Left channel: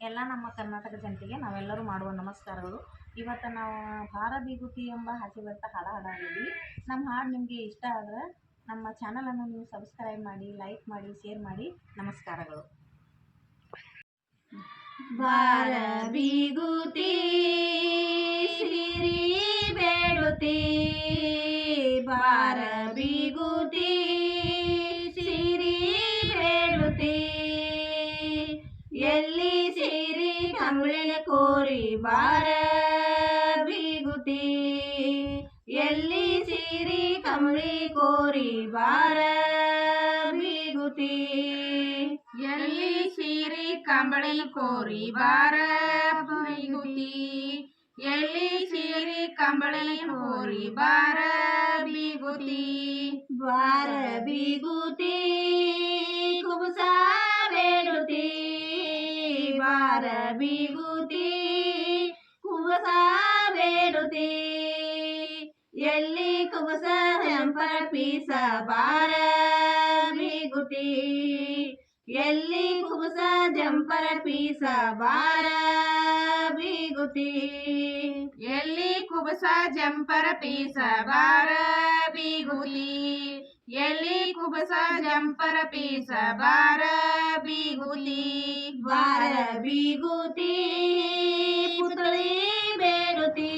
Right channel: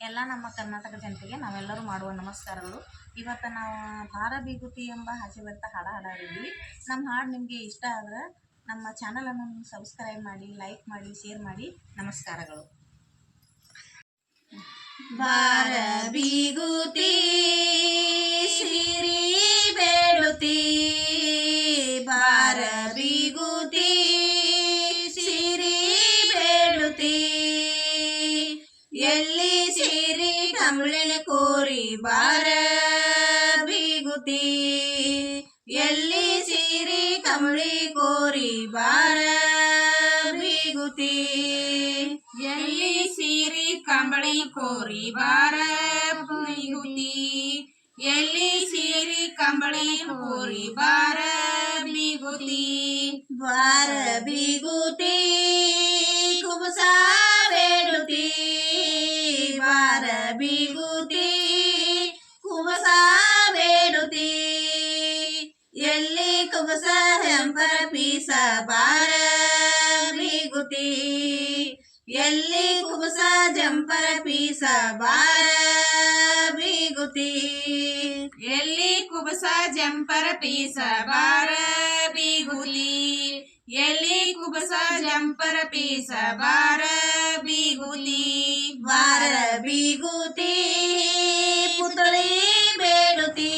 ಎಲ್ಲ ನಮ್ಮ ಕರ್ನಾಟಕ ಜನತೆಗೆ ನಾವೆಲ್ಲರೂ ಮಾಡುವ ನಮಸ್ಕಾರಗಳು. ಇವತ್ತು ನಾವು ಭಾರ ಬೀಗುತಿ ಎಂಬ ಹಾಸ್ಯ ಬರ್ತಾ ಹಾಡು ಹಾಡಿದ್ವಿ. ನಮ್ಮ ಹಾಡು ನಿಮಗೆ ಇಷ್ಟ ಆದರೆ ನಮ್ಮ ಚಾನಲನ್ನು ನೀವು ಸಬ್ಸ್ಕ್ರೈಬ್ ಮಾಡಿ, ಲೈಕ್ ಮಾಡಿ, ಶೇರ್ ಮಾಡಿ. ನಮಸ್ಕಾರಗಳು. ಭಾರ ಬೀಗುತಿ ಸಿರಿ ಬೇಡುತ್ತಿ, ಭಾರ ಬೀಗುತಿ ಸಿರಿ ಬೇಡುತ್ತಿ, ಎಲ್ಲಿ ಸಿರಿ ಕಂಬಳಿನ ಕೋರಿ ಬಾರ ಬೀಗುತಿ, ಎಲ್ಲಿ ಸಿರಿ ಕಂಬಳಿ ಕೋರಿ ಬಾರ ಬೀಗುತಿ, ಎಲ್ಲಿ ಸಿರಿ ಕಂಬಳಿ ಕೋರಿ ಬಾರ ಬೀಗುತಿ, ಎಲ್ಲಿ ಸಿರಿ ಕಂಬಳಿ ಕೋರಿ ಬಾರ ಬೀಗುತಿ, ಬಾರ ಬೀಗುತಿ ಕುಬಸ ಬೇಡುತ್ತಿ, ಬಾರ ಬೀಗುತಿ ಕುಬಸ ಬೇಡುತ್ತಿ, ಎಲ್ಲಿ ಕುಬಸ ಹೆಂಪರ ಪೀಸ ಬಾರ ಬೀಗುತಿ, ಎಲ್ಲಿ ಕುಬಸ ಜಂಪರ ಪೀಸ ಬಾರ ಬೀಗುತಿ, ಎಲ್ಲಿ ಕುಬಸ ಜಂಪರ ಪೀಸ ಬಾರ ಬೀಗುತಿ, ಎಲ್ಲಿ ಕುಬಸ ಜಂಪರ ಪೀಸ ಬಾರ ಬೀಗುತಿ, ಬಾರ ಬೀಗುತಿ ಪುತ್ಳಿ ಬೇಡುತ್ತಿ,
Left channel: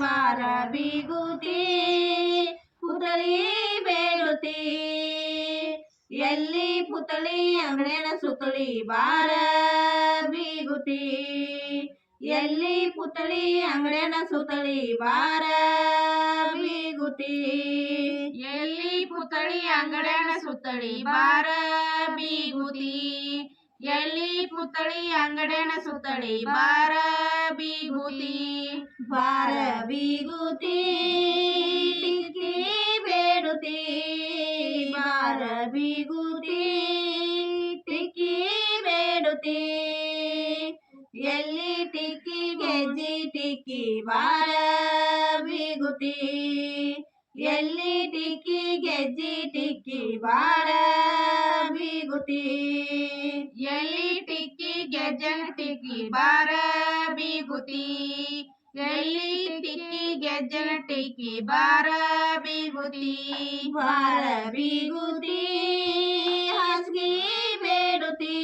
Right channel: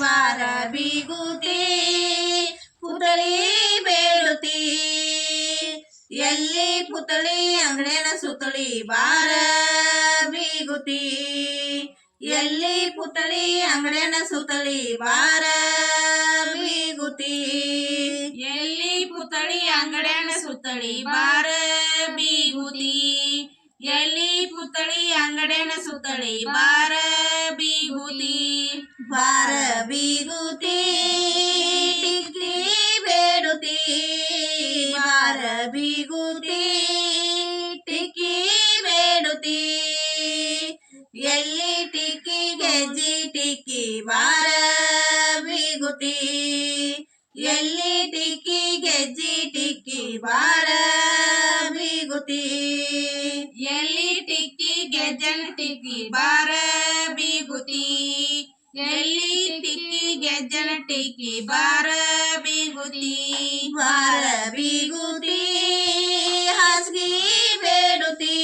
ಬಾರ ಬೀಗುತಿ ಪುತ್ಳಿ ಬೇಡುತ್ತಿ, ಎಲ್ಲಿ ಪುತ್ಳಿ ಅಂಗಡಿನ ಸುತ್ತಳಿ ಬಾರ ಬೀಗುತಿ, ಎಲ್ಲಿ ಪುತ್ಳಿ ಅಂಗಡಿನ ಸುತ್ತಳಿ ಬಾರ ಬೀಗುತಿ, ಎಲ್ಲಿ ಪುತ್ಳಿ ಅಂಗಡಿನ ಸುತ್ತಳಿ ಬಾರ ಬೀಗುತಿ, ಎಲ್ಲಿ ಪುತ್ಳಿ ಅಂಗಡಿನ ಸುತ್ತಳಿ ಬಾರ ಬೀಗುತಿ, ಬಾರ ಬೀಗುತಿ ಟಿಕ್ಕಿ ಬೇಡುತ್ತಿ, ಬಾರ ಬೀಗುತಿ ಟಿಕ್ಕಿ ಬೇಡುತ್ತಿ, ಎಲ್ಲಿ ಟಿಕ್ಕಿ ಗೆಜ್ಜಿ ಟಿಕ್ಕಿ ಬಾರ ಬೀಗುತಿ, ಎಲ್ಲಿ ಟಿಕ್ಕಿ ಗೆಜ್ಜಿ ಟಿಕ್ಕಿ ಬಾರ ಬೀಗುತಿ, ಎಲ್ಲಿ ಟಿಕ್ಕಿ ಗೆಜ್ಜನ ಟಿಕ್ಕಿ ಬಾರ ಬೀಗುತಿ, ಎಲ್ಲಿ ಟಿಕ್ಕಿ ಗೆಜ್ಜನ ಟಿಕ್ಕಿ ಬಾರ ಬೀಗುತಿ, ಬಾರ ಬೀಗುತಿ ಹಾಸ್ಗಿ ಬೇಡುತ್ತಿ,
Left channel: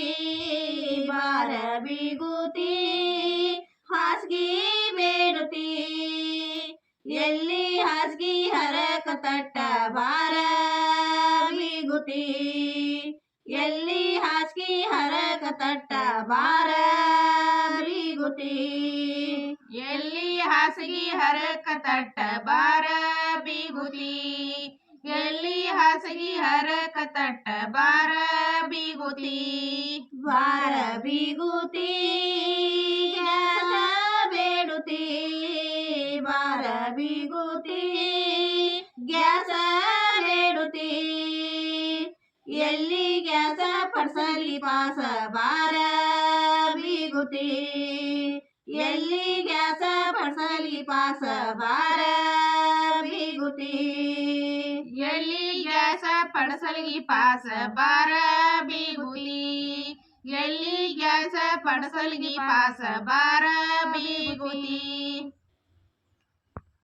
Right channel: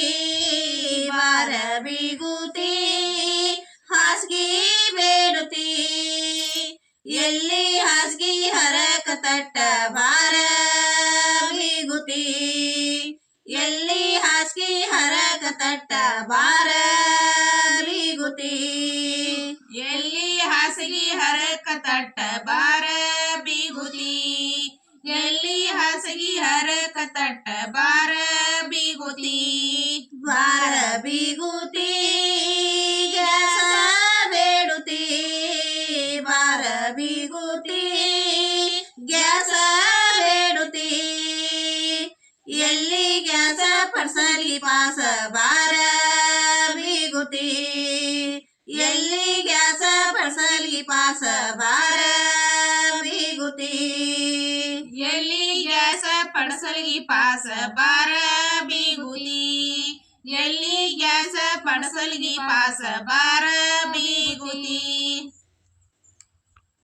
ಬಾರ ಬೀಗುತಿ ಹಾಸ್ಗಿ ಬೇಡುತ್ತಿ, ಎಲ್ಲಿ ಹಾಸ್ಗಿ ಹರಕ ತಟ್ಟ ಬಾರ ಬೀಗುತಿ, ಎಲ್ಲಿ ಹಾಸ್ಗಿ ಹರಕ ತಟ್ಟ ಬಾರ ಬೀಗುತಿ, ಎಲ್ಲಿ ಹಾಸಿಗೆ ಹರಕ ತಟ್ಟ ಬಾರ ಬೀಗುತಿ, ಎಲ್ಲಿ ಹಾಸಿಗೆ ಹರಕ ತಟ್ಟ ಬಾರ ಬೀಗುತಿ, ಬಾರ ಬೀಗುತಿ ಗ್ಯಾಸ ಬೇಡುತ್ತಿ, ಬಾರ ಬೀಗುತಿ ಗ್ಯಾಸ ಬೇಡುತ್ತಿ, ಎಲ್ಲಿ ಗ್ಯಾಸ ಪಡ್ಸಲಿ ಪಾಸ ಬಾರ ಬೀಗುತಿ, ಎಲ್ಲಿ ಗ್ಯಾಸ ಪಡ್ಸಲಿ ಪಾಸ ಬಾರ ಬೀಗುತಿ, ಎಲ್ಲಿ ಗ್ಯಾಸ ಪಡ್ಸಲಿ ಪಾಸ ಬಾರ ಬೀಗುತಿ, ಎಲ್ಲಿ ಗ್ಯಾಸ ಪಡ್ಸಲಿ ಪಾಸ ಬಾರ ಬೀಗುತಿ.